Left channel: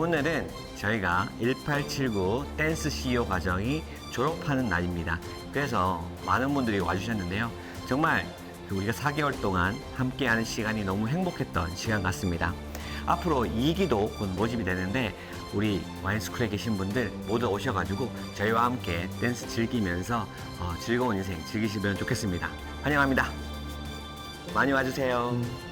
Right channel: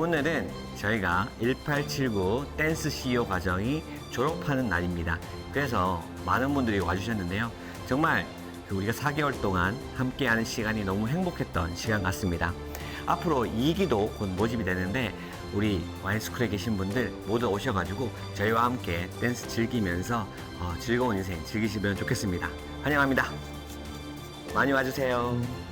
오늘은 저희가 1879 댄스 CEO 과정이 졸업하는 날입니다. 그래서 많은 분들이 와주셨는데요. 정말 그 우리가 4개월 동안 함께하는 시간이 너무 행복했던 시간 같습니다. 앞으로 2기도 곧 모집이 되는데 우리 와인스쿨에 계신 분들 모두 오셔가지고 저희와 함께 댄스 즐기면서 어, 즐거운 인생 즐기시면 좋겠습니다. 환영합니다. 많이 와주세요. 음.